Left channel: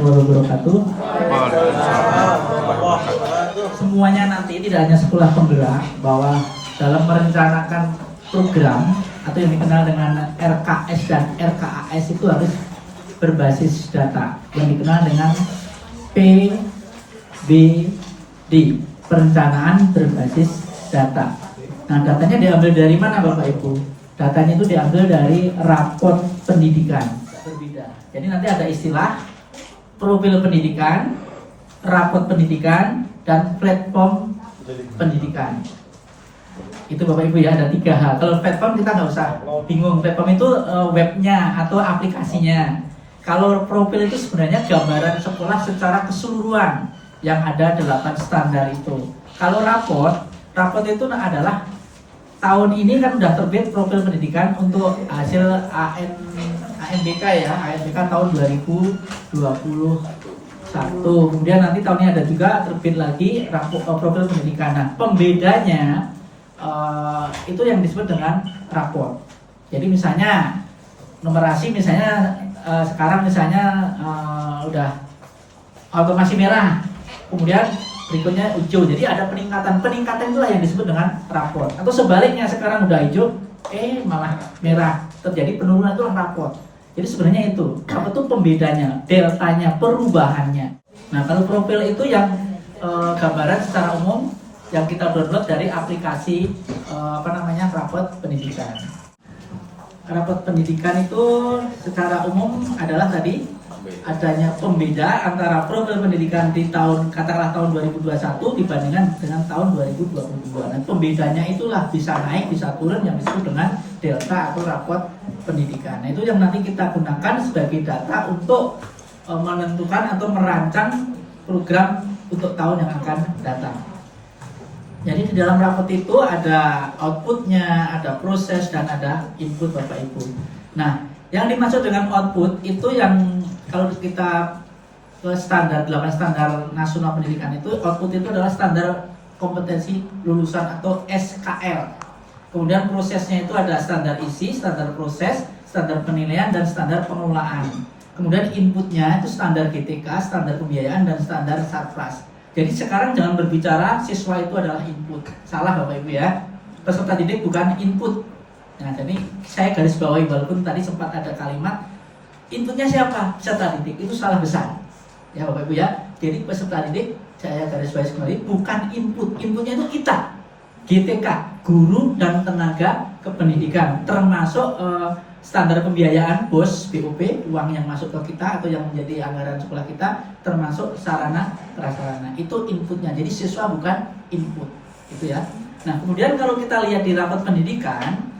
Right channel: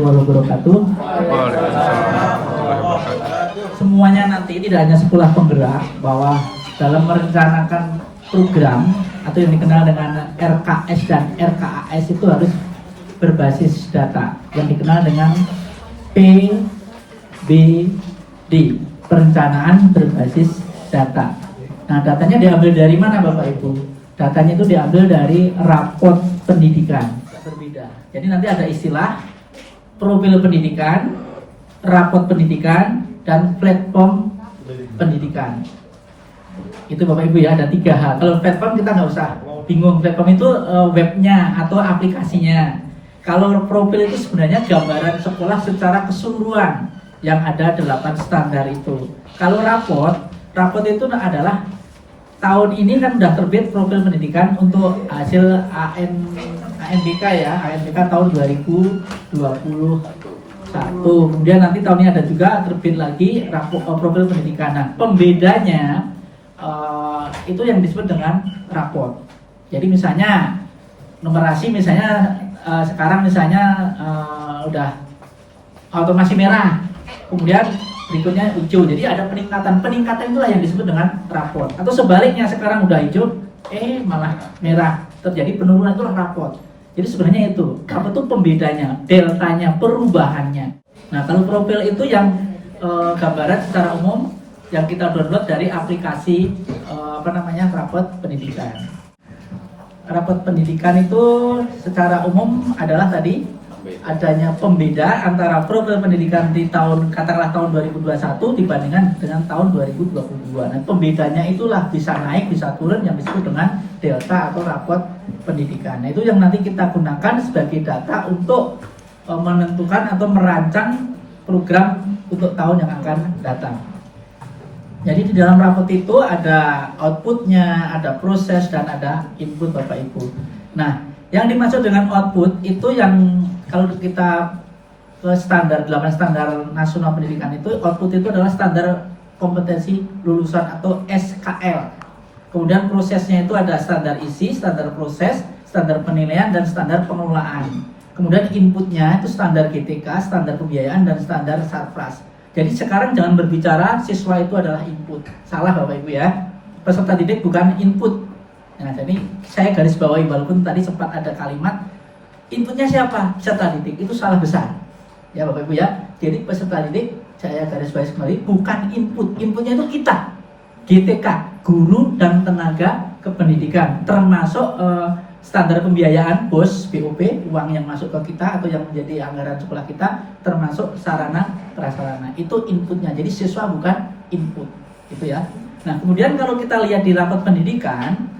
warahmatullahi wabarakatuh. Waalaikumsalam warahmatullahi wabarakatuh. Semuanya nanti tidak hanya sekolah penggerak, bahwa dalam merencanakan program atau yang dikenal dengan RKS dan RKAS itu harus berbasis data yang dikenal dengan PBD, perencanaan berbasis data. Nah, datanya diambil dari mana Bapak Ibu? Datanya itu diambil dari raport pendidikan. Berbeda. Jadi nanti ada istilah profil pendidikan, raport pendidikan, dan platform pendidikan. Itu Bapak Ibu ya, ada 3 hal. Kalau platform kita nggak usah bingung. Platform itu webnya atau aplikasinya. Kalau profil itu sebenarnya gambaran sekolah secara keseluruhan yang ada 8 standar itu. Kalau raport itu adalah tahun ini kan sudah terbit profil pendidikan untuk hasil ANBK ya, ANBK tahun 2021. Kemudian nanti tahun ini ada juga terbit lagi profil pendidikan. Nah, pembedanya itu yang disebut dengan raport. Jadi misalnya numerasi misalnya sekarang misalnya udah otomasi merah, kemudian berikutnya hijau. Jadi ada peningkatan itulah yang disebut dengan raport. Atau sebaliknya sekarang udah hijau, malah merah, terjadi penurunan, itu raport. Jadi sebenarnya itu apa tuh pembedanya, deltanya, perubahannya. Nah, kalau profil itu yang gambaran secara umum yang kita download dari aplikasi raport pendidikan. Raport pendidikan itu secara umum adalah tadi adanya pembeda antara profil pendidikan di tahun 2021 dibandingkan dengan tahun 2022. Dan pembedanya itulah bisa naik, bisa turun, yang disebut dengan delta atau raport pendidikan. Nah, itu yang nanti kita gunakan sebagai data untuk menentukan atau merancang program untuk tahun yang akan datang. Jadi di dalam raport itu ada outputnya, ada proses, dan ada input Bapak Ibu. Nah, yang dimaksud dengan output itu yang kalau kita ke standar 8 standar nasional pendidikan itu, output itu adalah standar kompetensi lulusan atau SKL. Kemudian prosesnya itu ada standar isi, standar proses, standar penilaian, dan standar pengelolaan. Kemudian inputnya itu standar GTK, standar pembiayaan, dan standar Sarpras. Jadi sekarang jangan berbicara siswa itu adalah input. Salah Bapak Ibu ya. Peserta didik bukan input. Nah, jadi saya garis bawahi walaupun tadi sempat ada kalimat inputnya siapa? Peserta didik. Itu salah besar. Ya Bapak Ibu ya. Jadi peserta didik saya garis bawahi kembali bukan input. Inputnya itu kita. GTK, guru dan tenaga kependidikan, termasuk standar pembiayaan BOS, BOP, uang yang masuk ke kita atau yang menjadi anggaran sekolah kita, termasuk sarana prasarana. Itu inputnya. Jadi siswa bukan input. Itu ya. Nah, kemudian kalau kita lihat di raport pendidikan,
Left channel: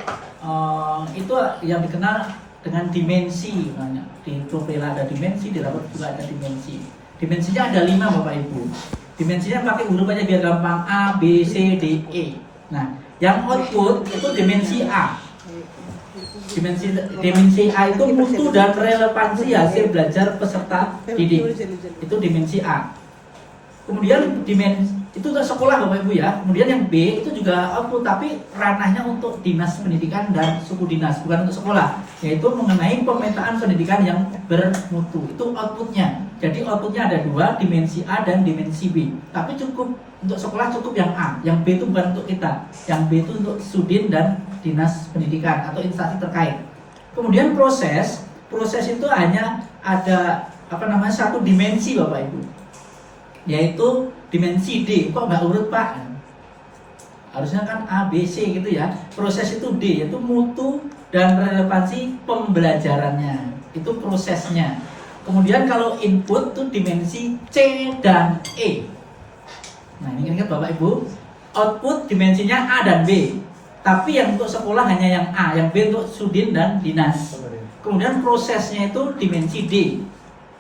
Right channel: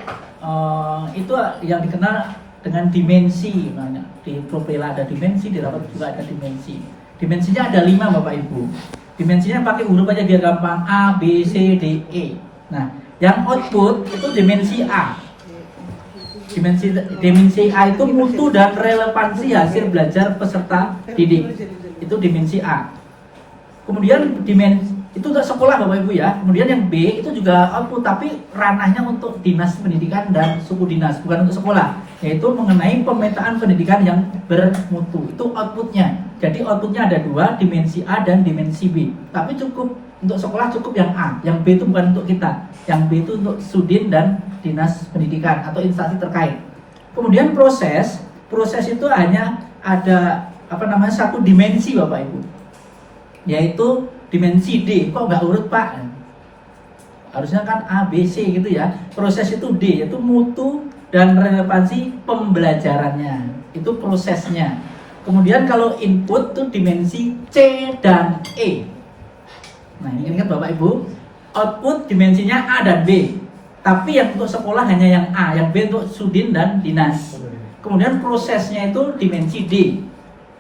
itu yang dikenal dengan dimensi. Di profil ada dimensi, di raport juga ada dimensi. Dimensinya ada 5 Bapak Ibu. Dimensinya pakai huruf aja biar gampang, A, B, C, D, E. Nah, yang output itu dimensi A. Dimensi A itu mutu dan relevansi hasil belajar peserta didik. Itu dimensi A. Kemudian itu untuk sekolah Bapak Ibu ya. Kemudian yang B itu juga output, tapi ranahnya untuk dinas pendidikan dan suku dinas, bukan untuk sekolah. Yaitu mengenai pemetaan pendidikan yang bermutu. Itu outputnya. Jadi outputnya ada 2, dimensi A dan dimensi B. Tapi cukup untuk sekolah cukup yang A. Yang B itu bukan untuk kita. Yang B itu untuk sudin dan dinas pendidikan atau instansi terkait. Kemudian proses itu hanya ada satu dimensi Bapak Ibu, yaitu dimensi D. Kok nggak urut Pak? Harusnya kan A, B, C gitu ya. Proses itu D, yaitu mutu dan relevansi pembelajarannya. Itu prosesnya. Kemudian kalau input itu dimensi C dan E. Nah, ini ingat Bapak Ibu, output dimensinya A dan B. Tapi yang untuk sekolah hanya yang A, yang B untuk sudin dan dinas. Kemudian prosesnya itu dimensi D.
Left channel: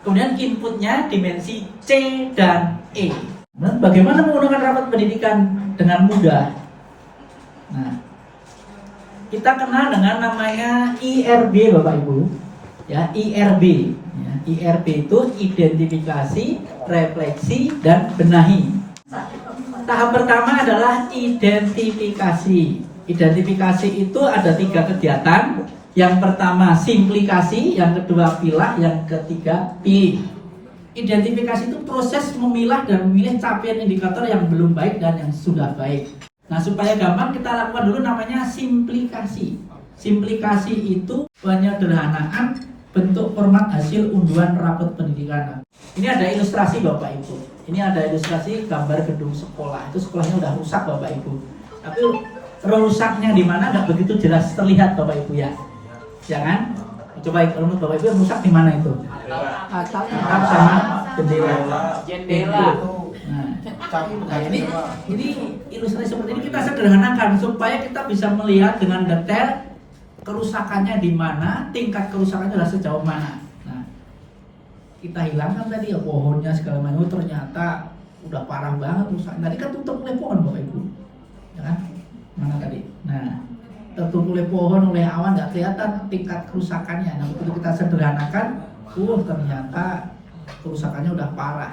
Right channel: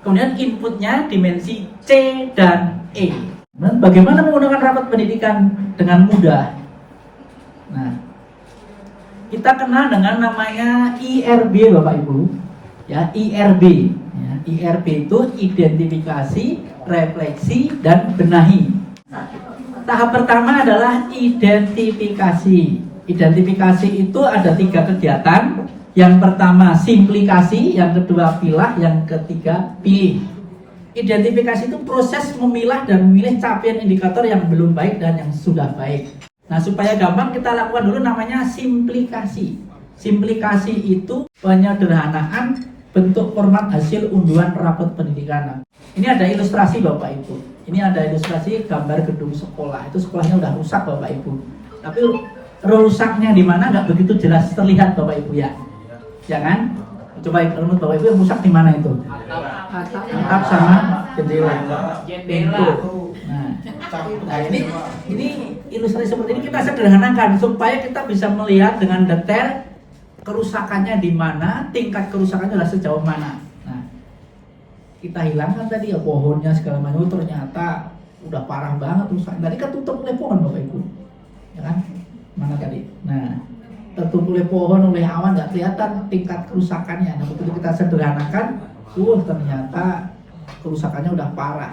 Kemudian inputnya dimensi C dan E. Nah, bagaimana menggunakan raport pendidikan dengan mudah? Nah, kita kenal dengan namanya IRB Bapak Ibu. Ya, IRB. Ya, IRB itu identifikasi, refleksi, dan benahi. Tahap pertama adalah identifikasi. Identifikasi itu ada 3 kegiatan. Yang pertama simplikasi, yang kedua pilah, yang ketiga pilih. Identifikasi itu proses memilah dan memilih capaian indikator yang belum baik dan yang sudah baik. Nah, supaya gampang kita lakukan dulu namanya simplikasi. Simplikasi itu penyederhanaan bentuk format hasil unduhan rapot pendidikan. Ini ada ilustrasi Bapak Ibu. Ini ada ilustrasi gambar gedung sekolah. Itu sekolahnya udah rusak Bapak Ibu. Tapi rusaknya di mana nggak begitu jelas terlihat Bapak Ibu ya. Ya kan? Coba menurut Bapak Ibu yang rusak di mana itu? Atap sama jendela. Nah, ini ilustrasi seperti ini kita sederhanakan supaya kita bisa melihat dengan detail kerusakannya di mana, tingkat kerusakannya adalah sejauh mana. Nah, kita hilangkan tadi ya pohonnya segala macam, ternyata udah parah banget rusak. Tadi kan tutup oleh pohon Bapak Ibu, ya kan? Mana tadi? Nah, tertutup oleh pohon, oleh awan, nggak kelihatan tingkat kerusakannya. Nah, begitu kita sederhanakan, ternyata kerusakannya udah parah.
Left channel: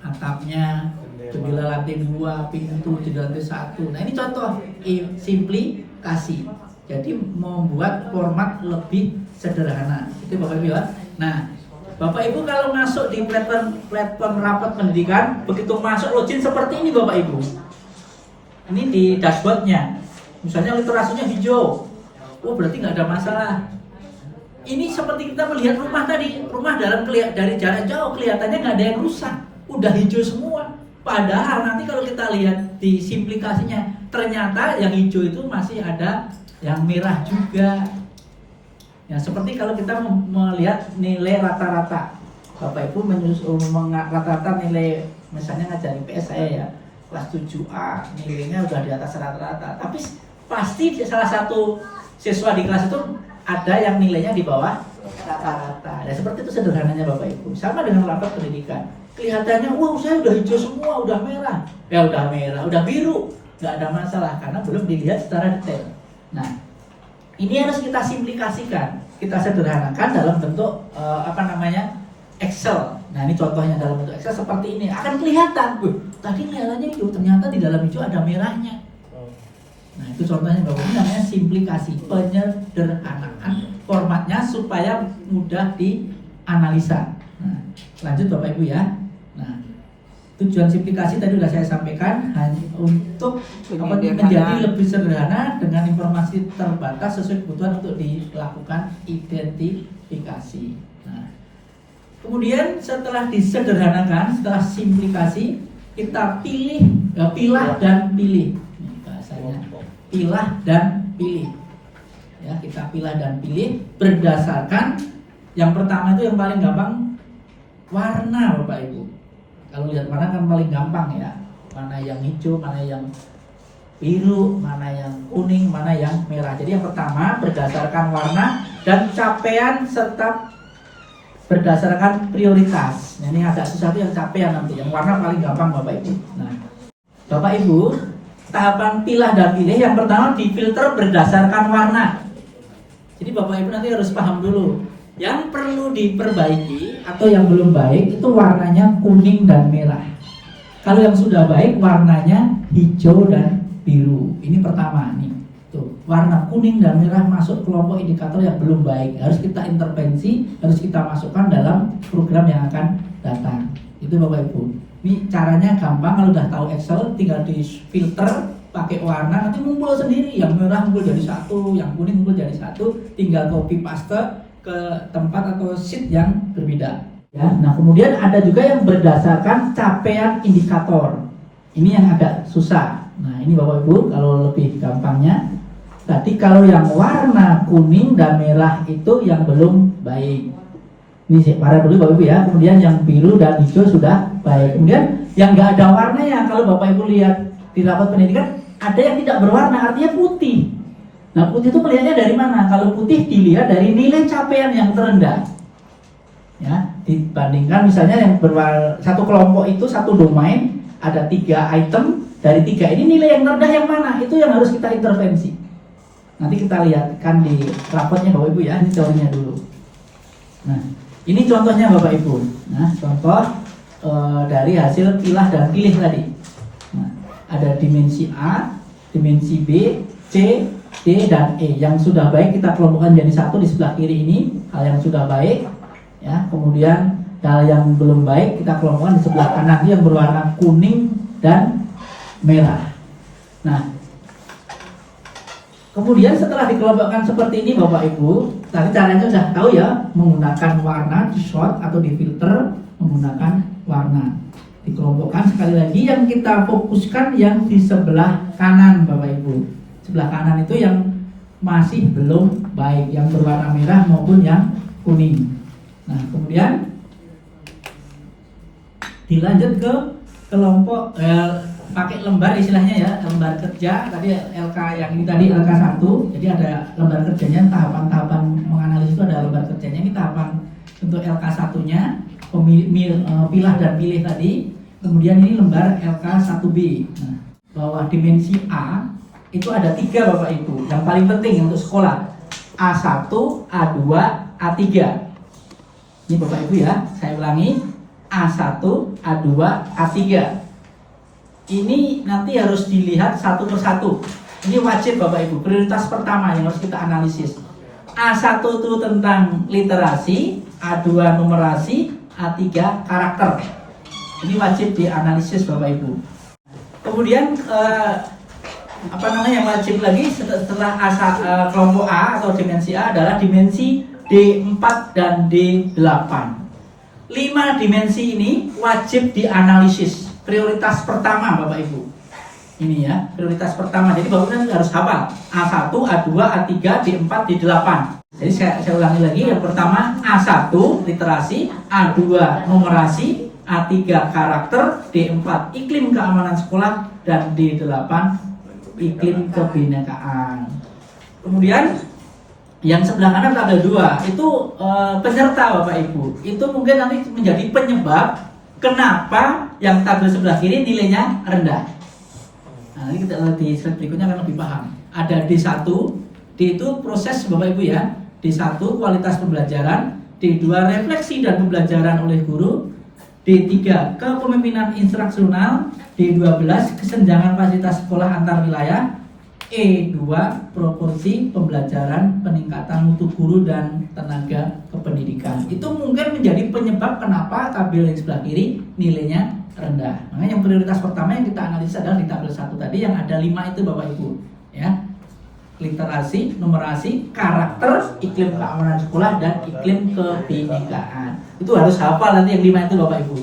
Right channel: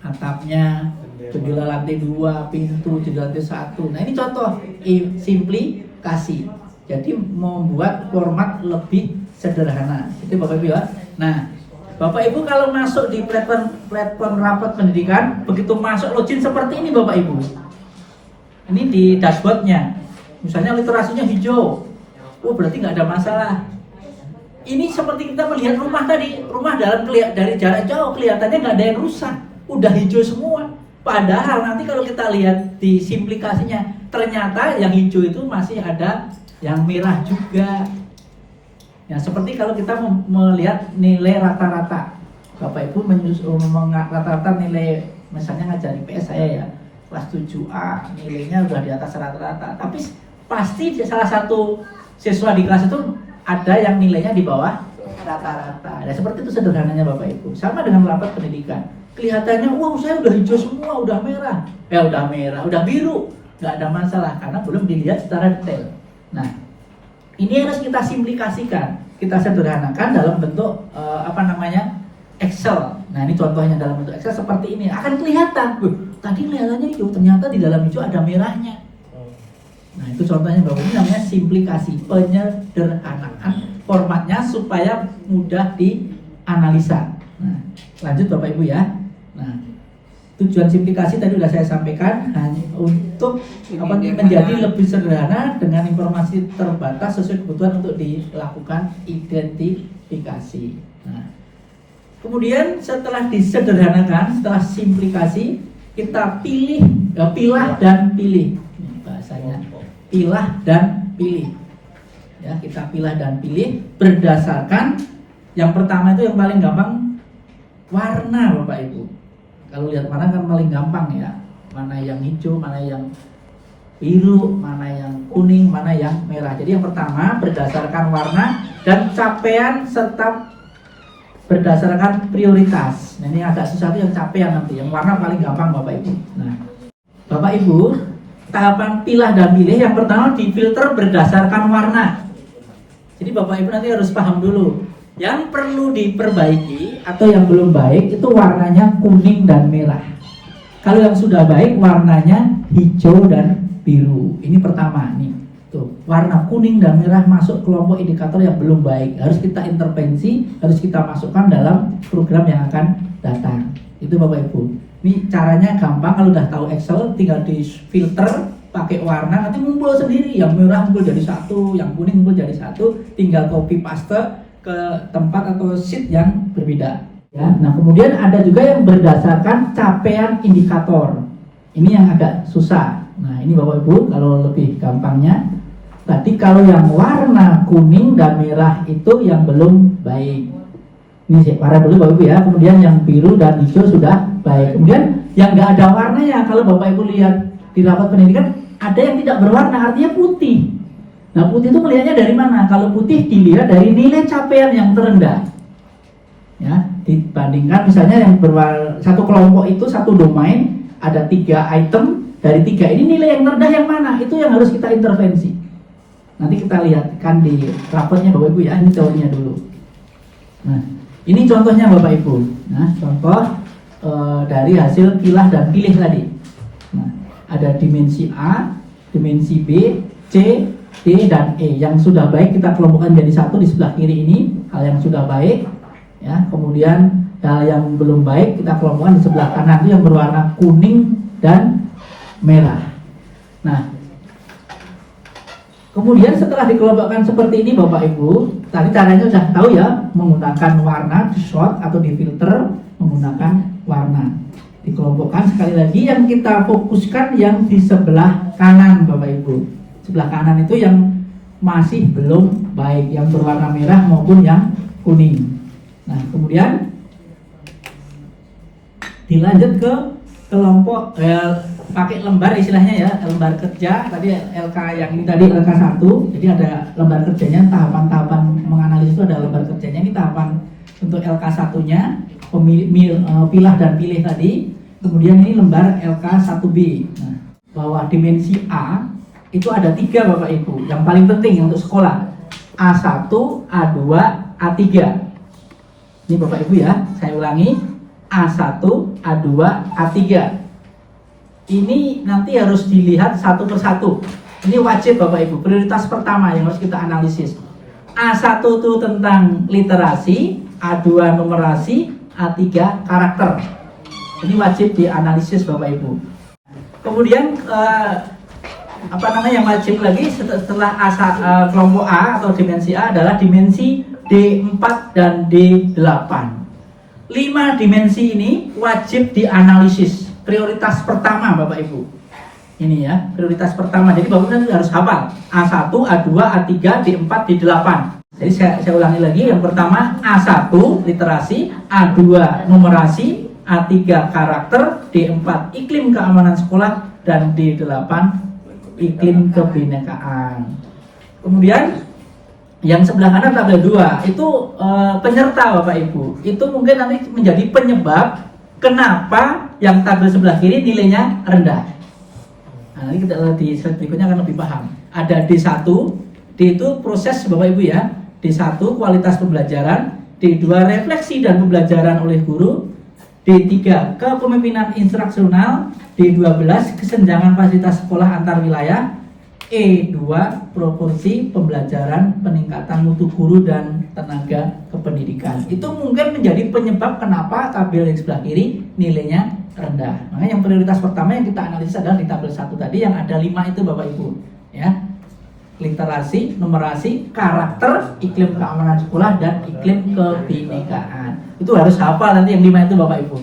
Atapnya, jendela lantai 2, pintu, jendela lantai 1. Nah, ini contoh simplikasi. Jadi membuat format lebih sederhana. Itu Bapak Ibu ya. Nah, Bapak Ibu kalau masuk di platform rapat pendidikan, begitu masuk login seperti ini Bapak Ibu. Ini di dashboardnya. Misalnya literasinya hijau. Oh, berarti nggak ada masalah. Ini seperti kita melihat rumah tadi. Rumah dari jarak jauh kelihatannya nggak ada yang rusak. Udah hijau semua. Padahal nanti kalau kita lihat di simplikasinya, ternyata yang hijau itu masih ada yang merah juga. Ya, seperti kalau kita melihat nilai rata-rata. Bapak Ibu rata-rata nilai, misalnya ngajar IPS saya ya, kelas 7A, nilainya udah di atas rata-rata. Tapi pasti salah satu siswa di kelas itu ada yang nilainya di bawah rata-rata. Ya, seperti itu sederhananya Bapak Ibu. Sama dengan rapat pendidikan. Kelihatannya, wow saya udah hijau semua, udah merah. Ya udah merah, udah biru. Nggak ada masalah, karena belum dilihat secara detail. Nah, ini harus kita simplikasikan, kita sederhanakan dalam bentuk Excel. Nah, ini contohnya dalam bentuk Excel seperti ini. Akan kelihatan, tadi merahnya hijau, ternyata di dalam hijau ada merahnya. Nah, itu contohnya Bapak, ini namanya simplikasi, penyederhanaan formatnya supaya mudah dianalisa. Nah, lanjut Bapak Ibu ya. Nah, tujuan simplikasi tadi sudah saya sampaikan hanya untuk menjadi lebih sederhana dengan informasi terbatas sesuai kebutuhan untuk dilakukan identifikasi. Nah, kemudian setelah disederhanakan, setelah simplikasi, kita pilah dan pilih. Ini bahasanya pilah dan pilih. Ya, kita pilah dan pilih berdasarkan yang pertama itu yang paling gampang warna Bapak Ibu. Kalau lihat warna kan paling gampang ya. Mana yang hijau, mana yang biru, mana yang kuning, mana yang merah. Jadi yang pertama berdasarkan warna dan capaian serta berdasarkan prioritas. Nah, ini agak susah tuh yang capaian nanti. Yang warna paling gampang Bapak Ibu. Nah, Bapak Ibu, tahapan pilah dan pilih yang pertama difilter berdasarkan warna. Jadi Bapak Ibu nanti harus paham dulu. Yang perlu diperbaiki atau yang belum baik itu warnanya kuning dan merah. Kalau yang sudah baik warnanya hijau dan biru. Ini pertama nih. Tuh, warna kuning dan merah masuk kelompok indikator yang belum baik. Harus kita intervensi, harus kita masukkan dalam program yang akan datang. Itu Bapak Ibu. Ini caranya gampang, kalau udah tahu Excel tinggal di filter pakai warna, nanti ngumpul sendiri. Yang merah ngumpul jadi satu, yang kuning ngumpul jadi satu, tinggal copy paste ke tempat atau sheet yang berbeda. Ya, nah kemudian ada juga yang berdasarkan capaian indikator. Ini yang agak susah. Nah, ini Bapak Ibu kalau lebih gampangnya. Tadi kalau yang warna kuning dan merah itu yang belum baik. Ini sih warna dulu Bapak Ibu ya. Kemudian yang biru dan hijau sudah baik. Kemudian yang nggak ada warnanya, kalau Bapak Ibu lihat di rapat pendidikan ada yang tidak berwarna, artinya putih. Nah, putih itu melihatnya dari mana? Kalau putih dilihat dari nilai capaian yang terendah. Ya, dibandingkan misalnya yang satu kelompok itu satu domain ada 3 item, dari 3 ini nilai yang terendah yang mana? Itu yang harus kita intervensi. Nanti kita lihatkan di raportnya Bapak Ibu ya, ini teorinya dulu. Nah, ini contohnya Bapak Ibu. Nah, contoh dari hasil pilah dan pilih tadi. Nah, ada dimensi A, dimensi B, C, D dan E. Yang sudah baik kita kelompokkan jadi satu di sebelah kiri ini, hal yang sudah baik. Ya, kemudian Hal yang belum baik kita kelompokkan di sebelah kanan itu yang berwarna kuning dan merah. Nah, kemudian setelah dikelompokkan seperti ini Bapak Ibu, tadi caranya sudah tahu ya, menggunakan warna di short atau di filter menggunakan warna. Dikelompokkan sekali lagi, yang kita fokuskan yang di sebelah kanan Bapak Ibu. Sebelah kanan itu yang masih belum baik, yang berwarna merah maupun yang kuning. Nah, kemudian dilanjut ke kelompok pakai lembar istilahnya ya, lembar kerja tadi LK yang ini tadi LK 1. Jadi ada lembar kerjanya, tahapan-tahapan menganalisis itu ada lembar kerjanya. Ini tahapan untuk LK 1-nya, pilah dan pilih tadi. Kemudian ini lembar LK 1B. Nah, bahwa dimensi A itu ada 3 Bapak Ibu, yang paling penting untuk sekolah: A1, A2, A3. Ini Bapak Ibu ya, saya ulangi, A1, A2, A3. Ini nanti harus dilihat satu persatu. Ini wajib Bapak Ibu, prioritas pertama yang harus kita analisis. A1 itu tentang literasi, A2 numerasi, A3 karakter. Ini wajib dianalisis Bapak Ibu. Kemudian yang wajib lagi setelah kelompok A atau dimensi A adalah dimensi D4 dan D8. 5 dimensi ini wajib dianalisis. Prioritas pertama Bapak Ibu. Ini ya, prioritas pertama. Jadi Bapak Ibu harus hafal A1, A2, A3, D4, D8. Jadi saya ulangi lagi. Yang pertama A1 literasi, A2 numerasi, A3 karakter, D4 iklim keamanan sekolah, dan D8 iklim kebinekaan. Kemudian yang sebelah kanan tabel 2 itu penyerta Bapak Ibu. Itu mungkin nanti menjadi penyebab kenapa yang tabel sebelah kiri nilainya rendah. Nah, ini kita di slide berikutnya akan lebih paham. Ada D1, D itu proses Bapak Ibu ya. D1 kualitas pembelajaran, D2 refleksi dan pembelajaran oleh guru, D3 kepemimpinan instruksional, D12 kesenjangan fasilitas sekolah antar wilayah, E2 proporsi pembelajaran peningkatan mutu guru dan tenaga kependidikan. Itu mungkin menjadi penyebab kenapa tabel yang sebelah kiri nilainya rendah. Makanya yang prioritas pertama yang kita analisis adalah di tabel 1 tadi yang ada 5 itu Bapak Ibu ya. Literasi, numerasi, karakter, iklim keamanan sekolah, dan iklim kebinekaan. Itu harus hafal nanti yang 5 itu Bapak Ibu.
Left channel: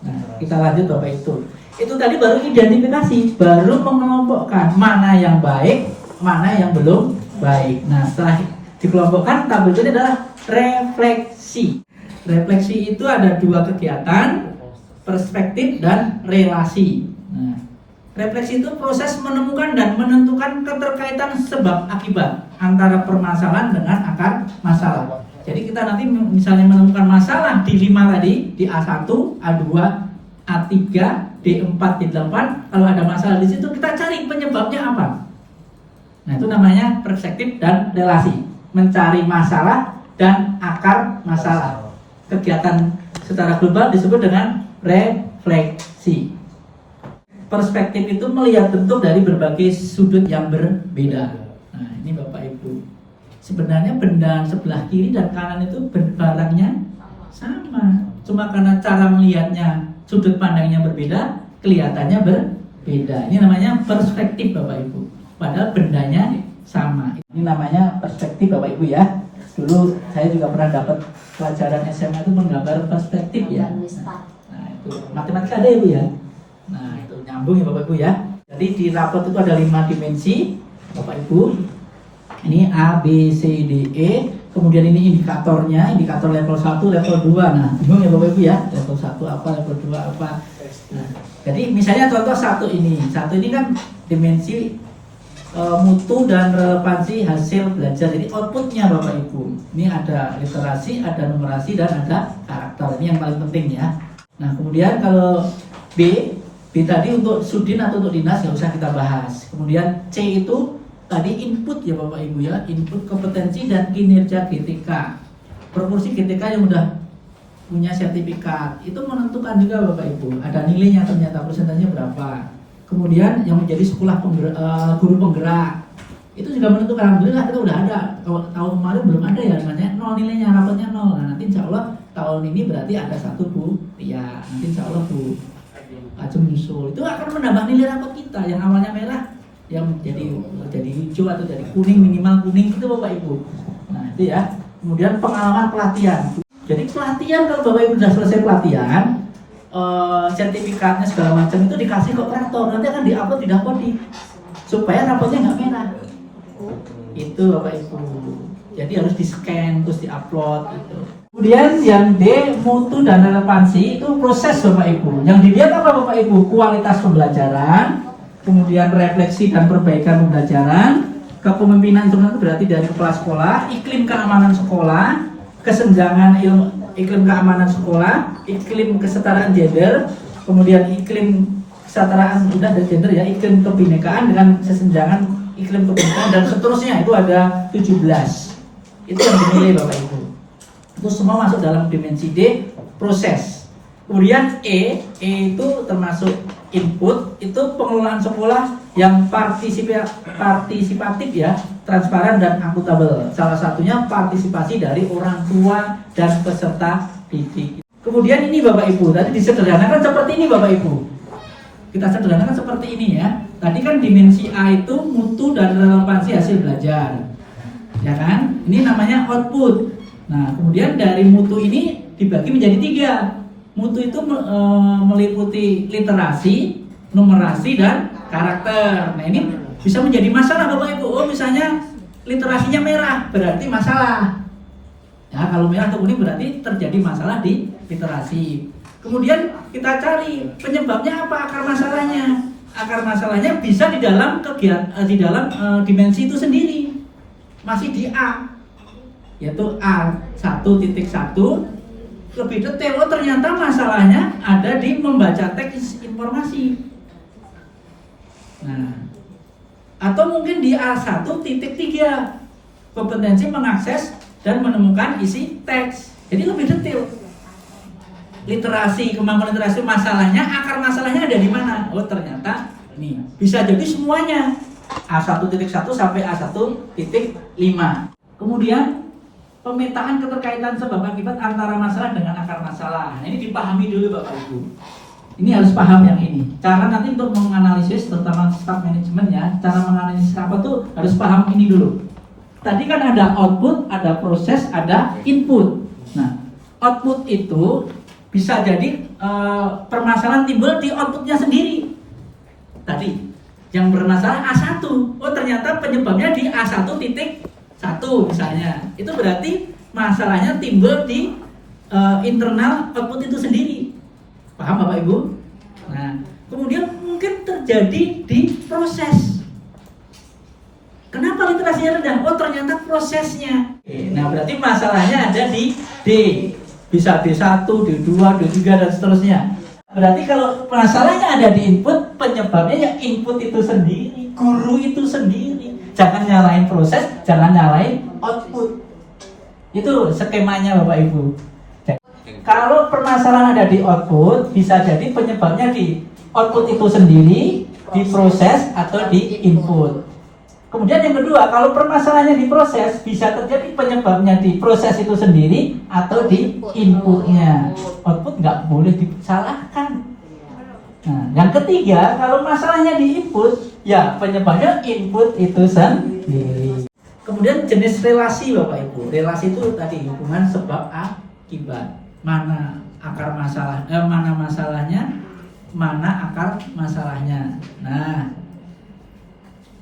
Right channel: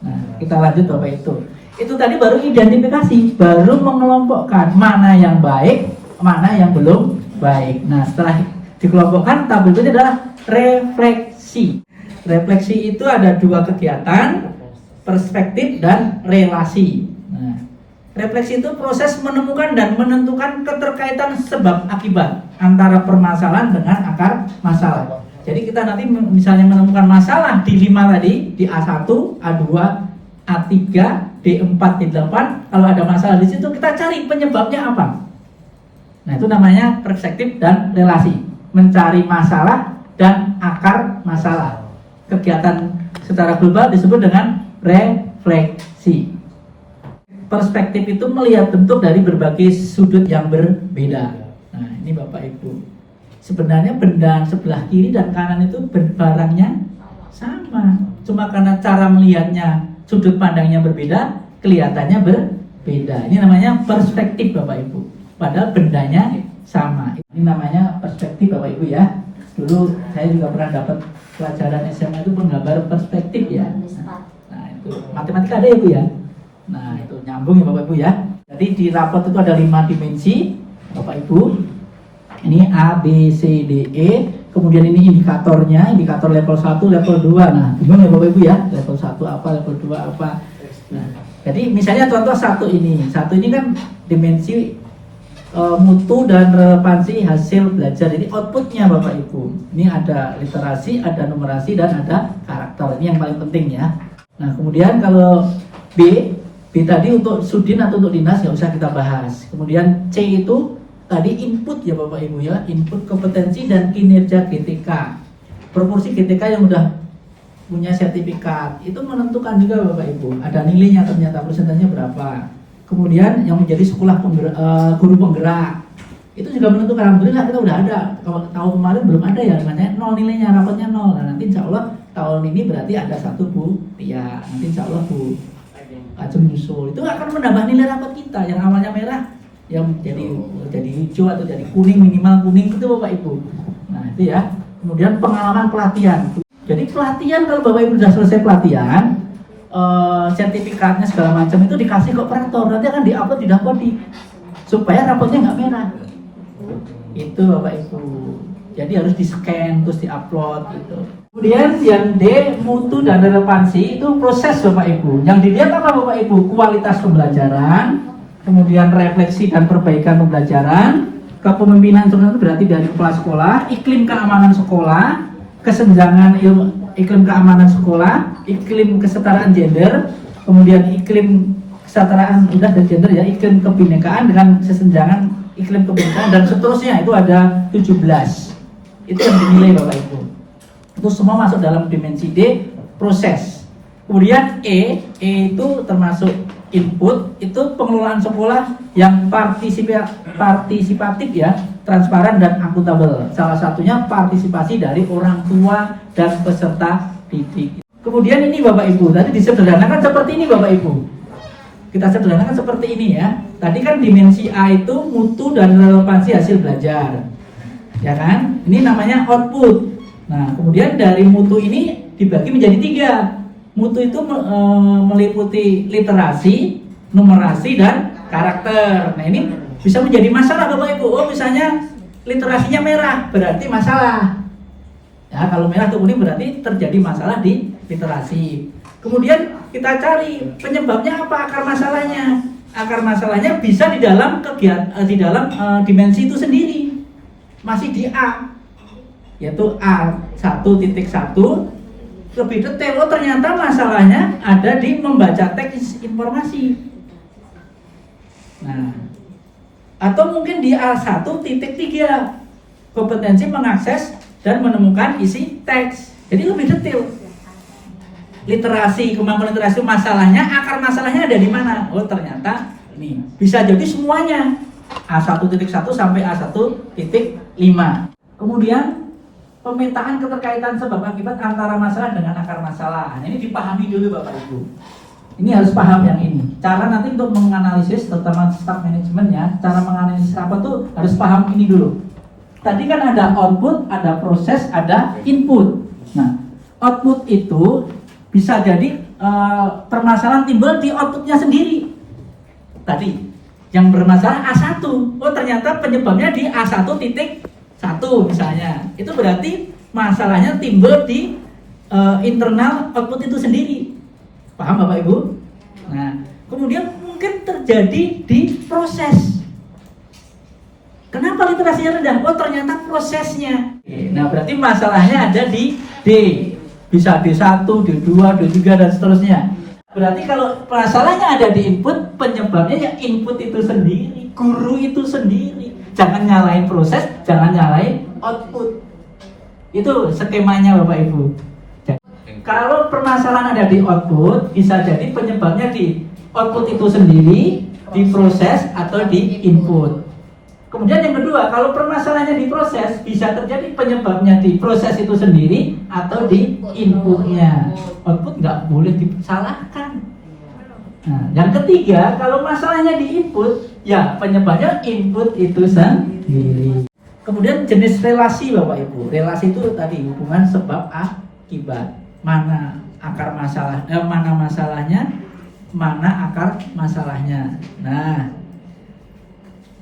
Nah, kita lanjut Bapak Ibu. Itu tadi baru identifikasi, baru mengelompokkan mana yang baik, mana yang belum baik. Nah, setelah dikelompokkan, tabel itu adalah refleksi. Refleksi itu ada 2 kegiatan, perspektif dan relasi. Nah, refleksi itu proses menemukan dan menentukan keterkaitan sebab akibat antara permasalahan dengan akar masalah. Jadi kita nanti misalnya menemukan masalah di 5 tadi, di A1, A2, A3, D4, D8, kalau ada masalah di situ kita cari penyebabnya apa. Nah, itu namanya perspektif dan relasi. Mencari masalah dan akar masalah. Kegiatan secara global disebut dengan refleksi. Perspektif itu melihat bentuk dari berbagai sudut yang berbeda. Nah, ini Bapak Ibu. Sebenarnya benda sebelah kiri dan kanan itu barangnya sama. Cuma karena cara melihatnya, sudut pandangnya berbeda, kelihatannya berbeda. Ini namanya perspektif Bapak Ibu. Padahal bendanya sama. Ini namanya perspektif Bapak Ibu ya. Dulu saya juga pernah dapat pelajaran SMA itu penggambaran perspektif ya. Nah, itu matematika ada Ibu ya. Nah, itu nyambung ya Bapak Ibu ya. Jadi di rapot itu ada 5 dimensi Bapak Ibu. Ini A, B, C, D, E. Kemudian ini indikatornya, indikator level 1, level 2. Nah, bingung ya Bapak Ibu ya. Level 1 apa, level 2 apa. Nah, jadi misalnya contoh 1 ini. 1 ini kan dimensi mutu dan relevansi hasil belajar. Jadi outputnya Bapak Ibu. Ini ada literasi, ada numerasi, dan ada karakter. Ini yang paling penting ya. Nah, kemudian kalau B tadi untuk sudin atau untuk dinas nggak usah kita bahas. Kemudian C itu tadi input ya Bapak Ibu ya, input kompetensi dan kinerja GTK. Proporsi GTK yang udah punya sertifikat itu menentukan juga Bapak Ibu. Ada nilainya ternyata, persentasenya berapa. Kemudian yang menjadi sekolah guru penggerak itu juga menentukan. Alhamdulillah kita udah ada. Kalau tahun kemarin belum ada ya, namanya 0 nilainya, rapotnya 0. Nah, nanti insya Allah tahun ini berarti ada 1 Bu Tia, nanti insya Allah Bu Ajeng nyusul. Itu akan menambah nilai rapot kita yang awalnya merah yang jadi hijau atau jadi kuning, minimal kuning itu Bapak Ibu. Nah itu ya. Kemudian pengalaman pelatihan. Jadi pelatihan kalau Bapak Ibu sudah selesai pelatihan, sertifikatnya segala macam itu dikasih ke operator, nanti akan diupload di Dapodi supaya rapotnya nggak merah. Itu Bapak Ibu. Jadi harus di-scan terus di-upload gitu. Kemudian yang D, mutu dan relevansi, itu proses Bapak Ibu. Yang dilihat apa Bapak Ibu? Kualitas pembelajaran, kemudian refleksi dan perbaikan pembelajaran, kepemimpinan itu berarti dari kepala sekolah, iklim keamanan sekolah, kesenjangan iklim keamanan sekolah, iklim kesetaraan gender, kemudian iklim kesetaraan dan gender ya, iklim kebinekaan dengan kesenjangan iklim kebinekaan dan seterusnya, itu ada 17. Itu yang dinilai Bapak Ibu. Itu semua masuk dalam dimensi D, proses. Kemudian E itu termasuk input, itu pengelolaan sekolah yang partisipatif ya, transparan dan akuntabel. Salah satunya partisipasi dari orang tua dan peserta didik. Kemudian ini Bapak Ibu, tadi disederhanakan seperti ini Bapak Ibu. Kita sederhanakan seperti ini ya. Tadi kan dimensi A itu mutu dan relevansi hasil belajar. Ya kan? Ini namanya output. Nah, kemudian dari mutu ini dibagi menjadi 3. Mutu itu meliputi literasi, numerasi, dan karakter. Nah, ini bisa menjadi masalah Bapak Ibu. Oh, misalnya literasinya merah, berarti masalah. Ya, kalau merah atau kuning berarti terjadi masalah di literasi. Kemudian kita cari penyebabnya apa, akar masalahnya. Akar masalahnya bisa di dalam dimensi itu sendiri. Masih di A, yaitu A1.1 lebih detail. Oh ternyata masalahnya ada di membaca teks informasi. Nah, atau mungkin di A1.3 kompetensi mengakses dan menemukan isi teks. Jadi lebih detail. Literasi, kemampuan literasi, masalahnya, akar masalahnya ada di mana? Oh ternyata ini bisa jadi semuanya. A1.1 sampai A1.5. Kemudian pemetaan keterkaitan sebab akibat antara masalah dengan akar masalah. Nah, ini dipahami dulu Bapak Ibu. Ini harus paham yang ini. Cara nanti untuk menganalisis, terutama staff manajemen ya, cara menganalisis apa tuh harus paham ini dulu. Tadi kan ada output, ada proses, ada input. Nah, output itu bisa jadi permasalahan timbul di outputnya sendiri. Tadi yang bermasalah A1, oh ternyata penyebabnya di A1.1 misalnya. Itu berarti masalahnya timbul di internal output itu sendiri. Paham Bapak Ibu? Nah, kemudian mungkin terjadi di proses. Kenapa literasinya rendah? Oh ternyata prosesnya. Nah berarti masalahnya ada di D. Bisa D1, D2, D3 dan seterusnya. Berarti kalau masalahnya ada di input, penyebabnya ya input itu sendiri, guru itu sendiri. Jangan nyalain proses, jangan nyalain output. Itu skemanya Bapak Ibu. Kalau permasalahan ada di output, bisa jadi penyebabnya di output itu sendiri, di proses atau di input. Kemudian yang kedua, kalau permasalahannya di proses, bisa terjadi penyebabnya di proses itu sendiri atau di inputnya. Output nggak boleh disalahkan. Nah, yang ketiga, kalau masalahnya di input, ya penyebabnya input itu sendiri. Kemudian jenis relasi Bapak Ibu. Relasi itu tadi hubungan sebab akibat. Mana akar masalah, mana masalahnya, mana akar masalahnya. Nah,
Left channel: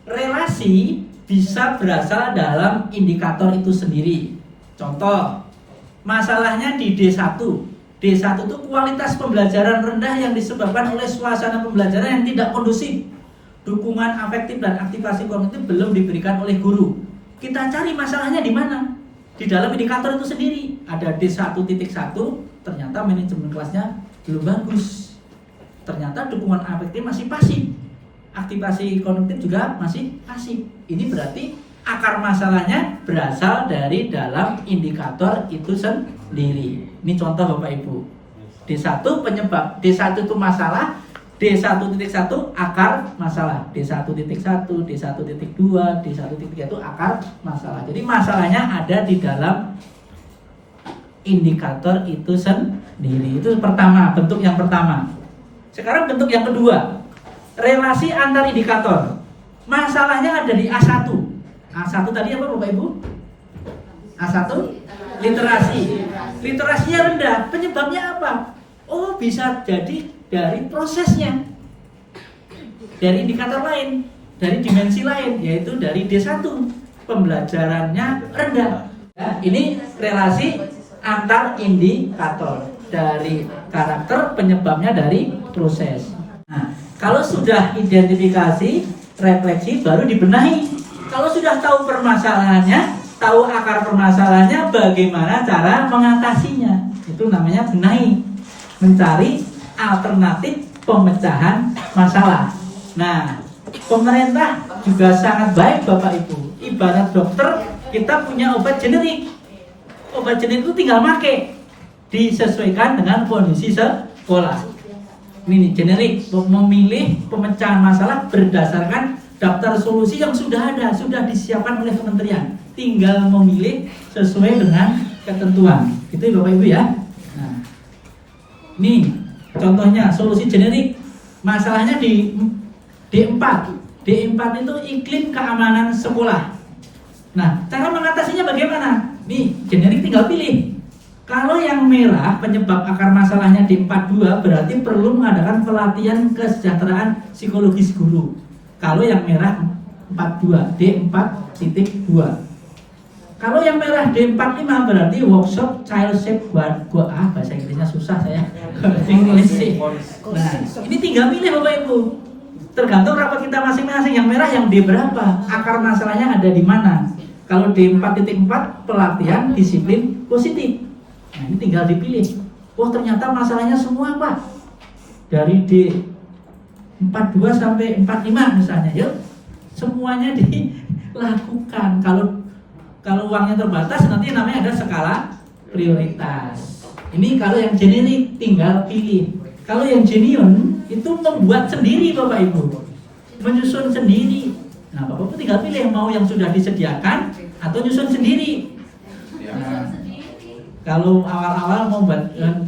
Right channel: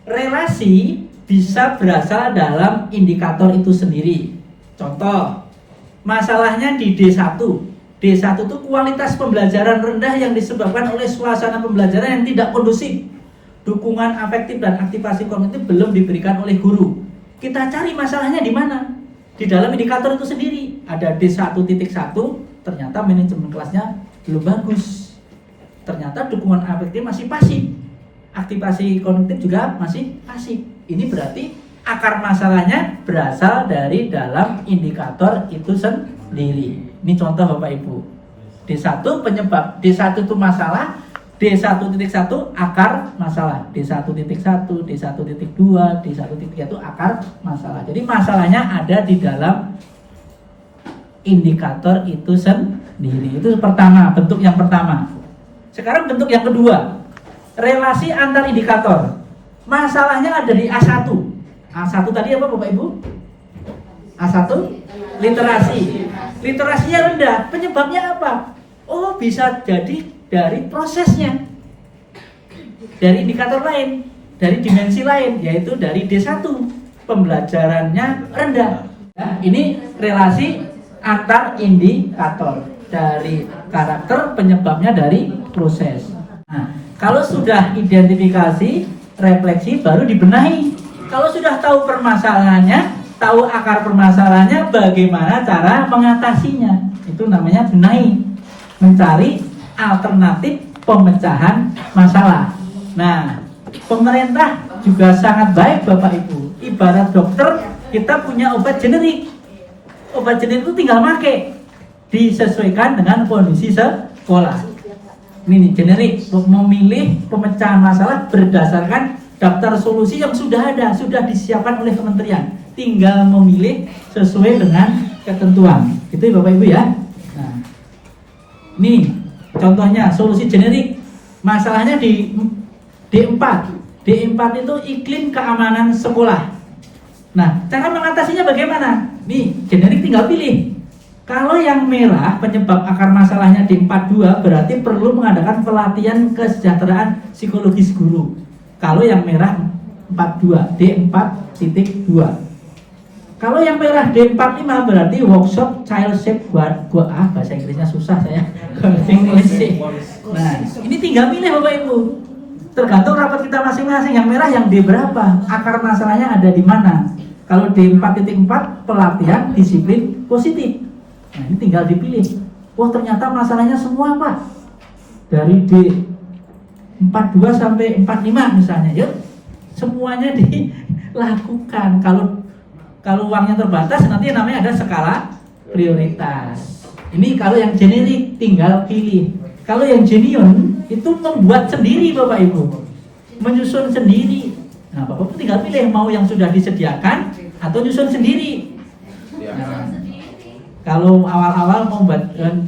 relasi bisa berasal dalam indikator itu sendiri. Contoh, masalahnya di D1. D1 itu kualitas pembelajaran rendah yang disebabkan oleh suasana pembelajaran yang tidak kondusif. Dukungan afektif dan aktivasi kognitif belum diberikan oleh guru. Kita cari masalahnya di mana? Di dalam indikator itu sendiri. Ada D1.1, ternyata manajemen kelasnya belum bagus. Ternyata dukungan afektif masih pasif. Aktivasi kognitif juga masih pasif. Ini berarti akar masalahnya berasal dari dalam indikator itu sendiri. Ini contoh Bapak Ibu. D1 penyebab, D1 itu masalah, D1.1 akar masalah, D1.1, D1.2, D1.3 itu akar masalah. Jadi masalahnya ada di dalam indikator itu sendiri. Itu pertama, bentuk yang pertama. Sekarang bentuk yang kedua, relasi antar indikator. Masalahnya ada di A1. A1 tadi apa Bapak Ibu? A1 literasi. Literasinya rendah. Penyebabnya apa? Oh, bisa jadi dari prosesnya. Dari indikator lain, dari dimensi lain, yaitu dari D1. Pembelajarannya rendah. Ya, ini relasi antar indikator. Dari karakter, penyebabnya dari proses. Nah, kalau sudah identifikasi, refleksi, baru dibenahi. Kalau sudah tahu permasalahannya, tahu akar permasalahannya, bagaimana cara mengatasinya. Itu namanya benahi, mencari alternatif pemecahan masalah. Nah, pemerintah juga sangat baik Bapak Ibu. Ibarat dokter, kita punya obat generik. Obat generik itu tinggal pakai, disesuaikan dengan kondisi sekolah. Ini generik, memilih pemecahan masalah berdasarkan daftar solusi yang sudah ada, sudah disiapkan oleh kementerian. Tinggal memilih sesuai dengan ketentuan. Itu Bapak Ibu ya. Nah, ini contohnya solusi generik. Masalahnya di D4. D4 itu iklim keamanan sekolah. Nah, cara mengatasinya bagaimana? Nih, generik tinggal pilih. Kalau yang merah penyebab akar masalahnya di 42 berarti perlu mengadakan pelatihan kesejahteraan psikologis guru. Kalau yang merah 42, D4.2. Kalau yang merah D45 berarti workshop child safe bahasa Inggrisnya susah saya. English. Nah, ini tinggal pilih Bapak Ibu. Tergantung rapat kita masing-masing. Yang merah yang D berapa? Akar masalahnya ada di mana? Kalau D4.4 pelatihan disiplin positif. Nah, ini tinggal dipilih. Wah, ternyata masalahnya semua Pak. Dari D42 sampai 45 misalnya, yuk. Semuanya dilakukan. Kalau uangnya terbatas, nanti namanya ada skala prioritas. Ini kalau yang generik tinggal pilih. Kalau yang genuine itu membuat sendiri Bapak Ibu. Menyusun sendiri. Nah, Bapak Ibu tinggal pilih mau yang sudah disediakan atau nyusun sendiri. Nah, kalau awal-awal mau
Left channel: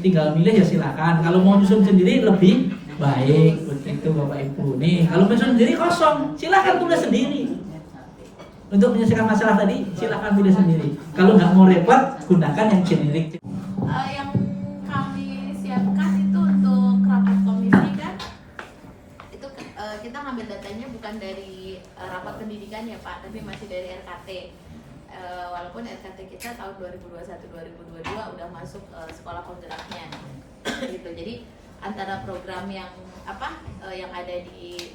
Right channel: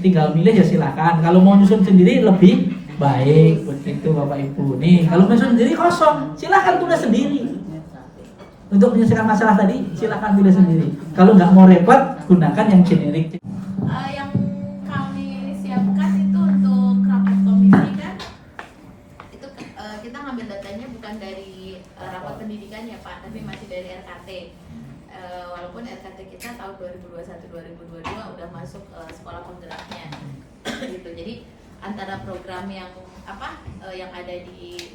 tinggal milih ya silakan. Kalau mau nyusun sendiri lebih baik begitu Bapak Ibu. Nih, kalau nyusun sendiri kosong, silakan tulis sendiri. Untuk menyelesaikan masalah tadi, silakan pilih sendiri. Kalau nggak mau repot, gunakan yang generik. Yang kami siapkan itu untuk rapat komisi kan, itu kita ngambil datanya bukan dari rapat pendidikan ya Pak, tapi masih dari RKT. Walaupun RKT kita tahun 2021-2022 udah masuk sekolah penggeraknya gitu. Jadi antara program yang yang ada di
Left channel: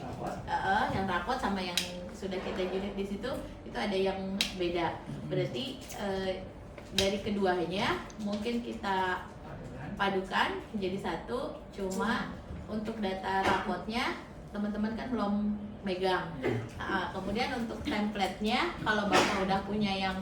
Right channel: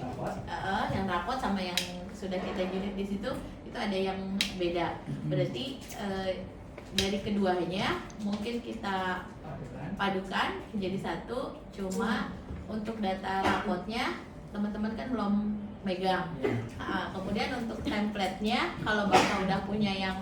yang rapot sama yang sudah kita unit di situ itu ada yang beda. Berarti dari keduanya mungkin kita padukan menjadi satu. Cuma untuk data rapotnya teman-teman kan belum megang. Kemudian untuk template-nya kalau Bapak udah punya yang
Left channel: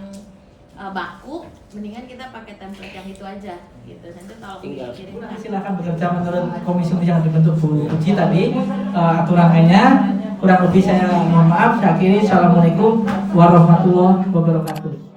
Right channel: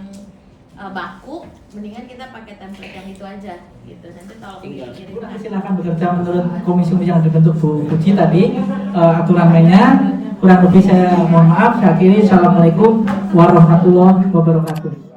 baku, mendingan kita pakai template yang itu aja gitu. Nanti kalau dikirim silakan bekerja menurut komisi yang dibentuk Bu Puji tadi. Aturan mainnya kurang lebih saya mohon maaf. Saya akhiri. Assalamualaikum warahmatullahi wabarakatuh.